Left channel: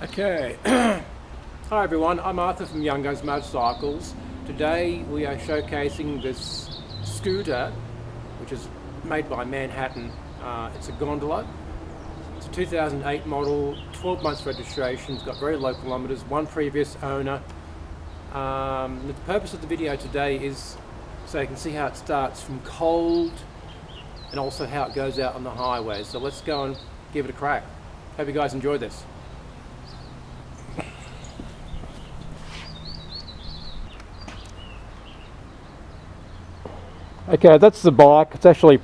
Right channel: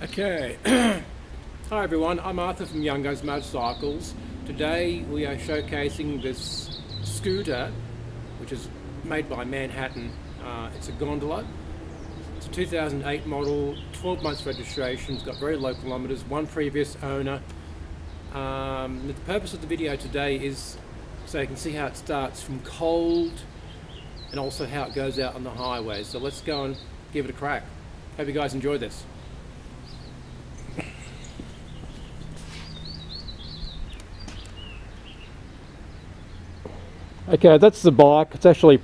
Okay, hi everyone, I'm Arthur from Young Guns Motorcycles. Today we are showcasing this scooter, which is made by Manhattan. It's a Gondola. It's a 2008 model, 12 months registration, it's got very low kilometres, one previous owner. The purpose of the video today is so you can see how it starts from cold and also how it goes out on the highway. So let's go and give it a crack. Hope you guys enjoy this. Okay, that's the bike. It's actually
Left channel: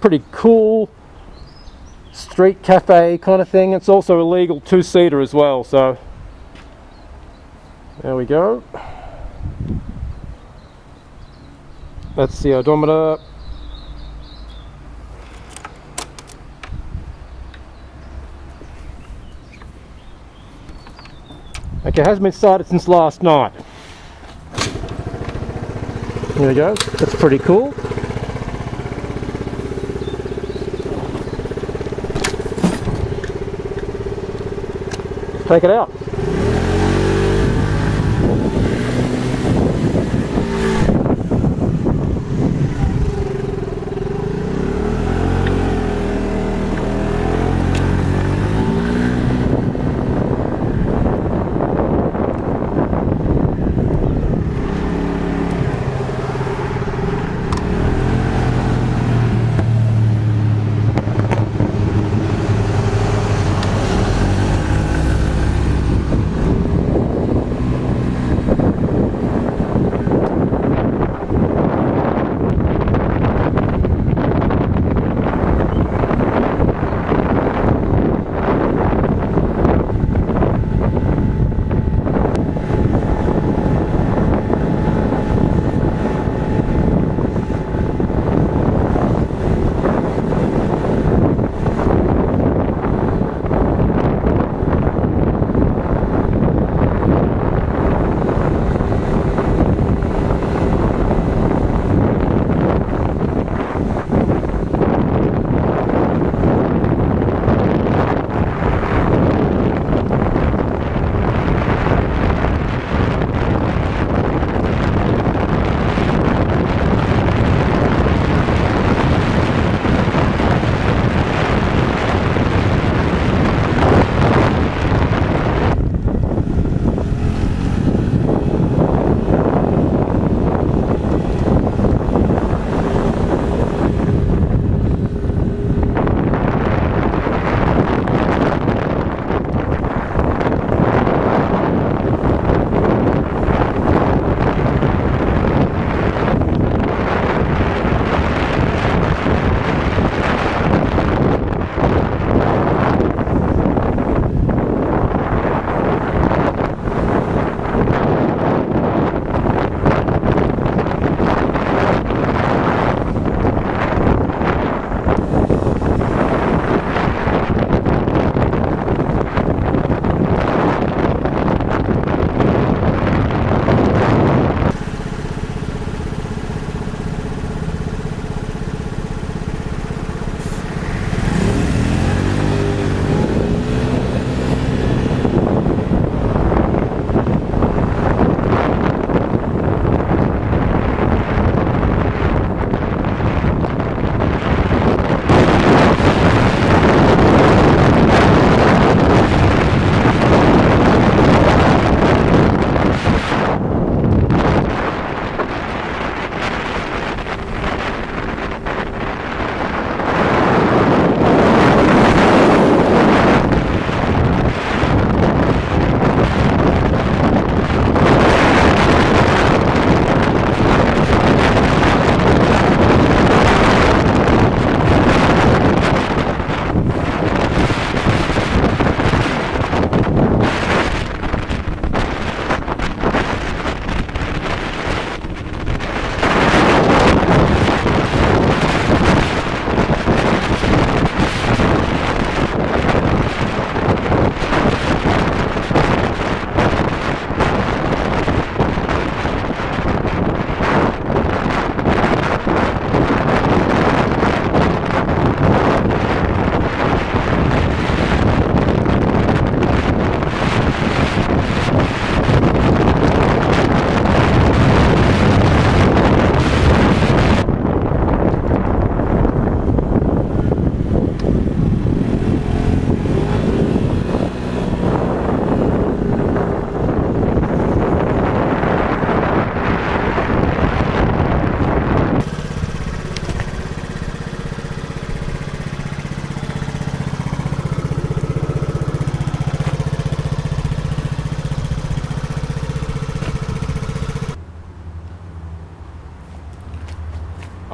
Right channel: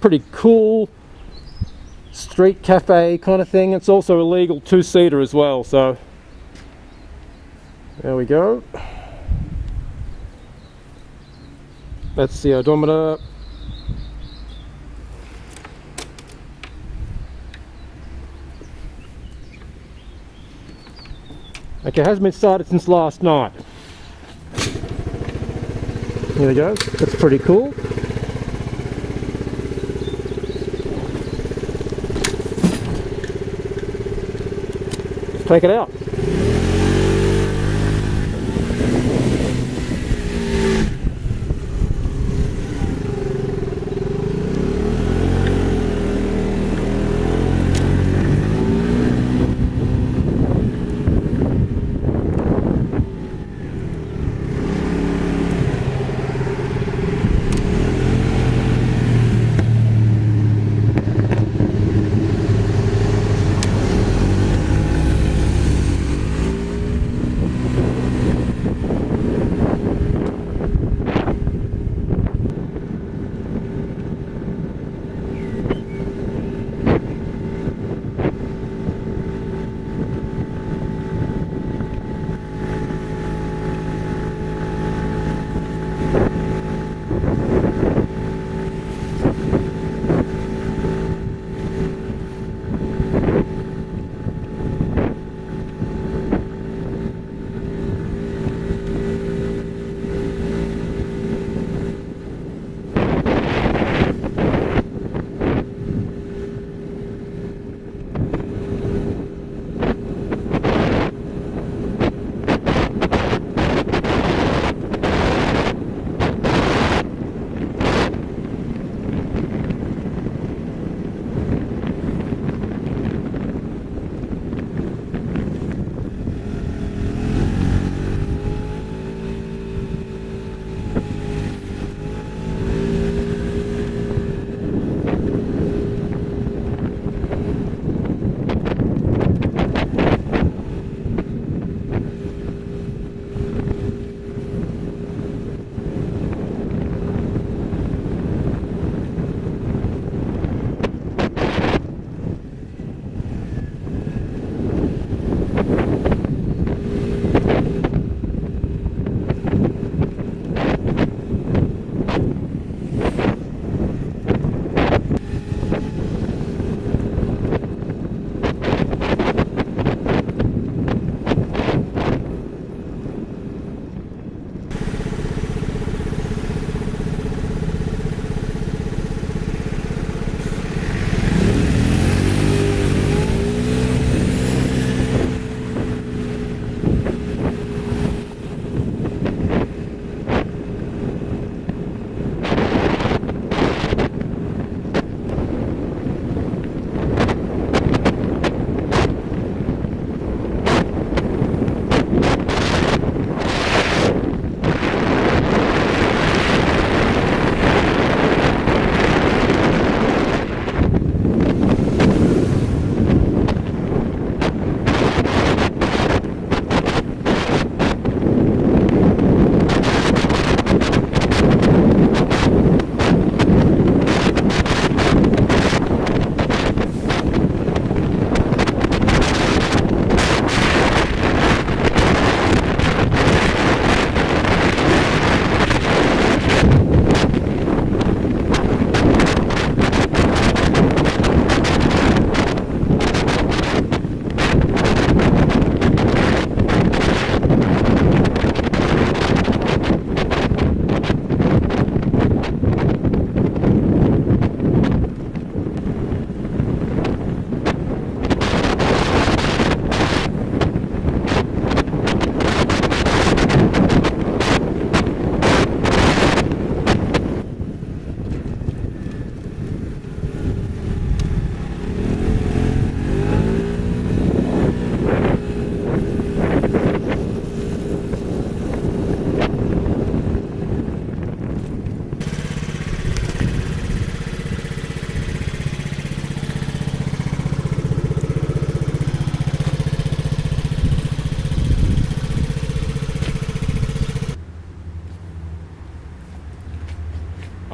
pretty cool street cafe kind of thing. It's also a legal two-seater as well, so there we go. That's the odometer. Okay, it hasn't been started since last night. Here we go, that's pretty cool. Let's take it out.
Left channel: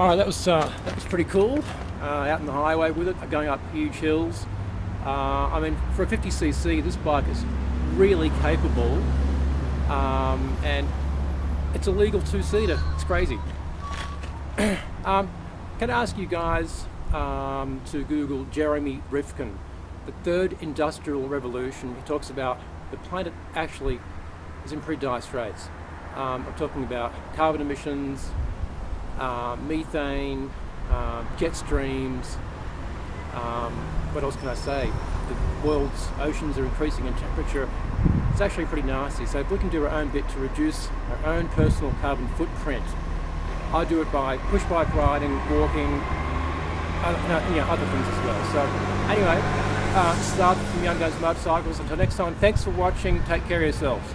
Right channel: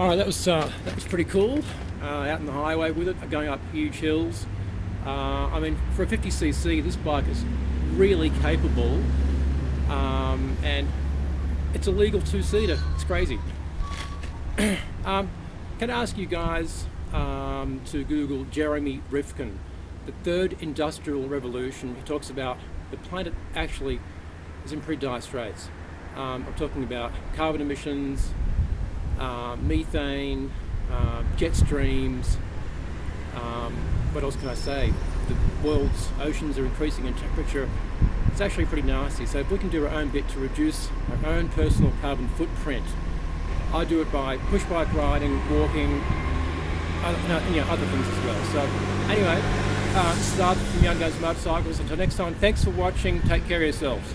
All right, that was pretty cool. Out on the highway with it, going up huge hills. I mean, for a 50cc, this bike is really capable, and it's a legal two-seater. It's crazy. Can I ask you guys to Google Jeremy Rifkin, the third industrial revolution? He talks about the planet actually is in pretty dire straits. I'm talking about carbon emissions, methane, jet streams. What else can I say? The world's oceans are increasing in temperature. It's actually pretty nasty. So if we can do our own bit to reduce our own personal carbon footprint, I do it by push bike riding, walking, other things as well. So anyway, this is Arthur from Young Guns Motorcycles. Until next time, thanks for watching. Take care of yourselves.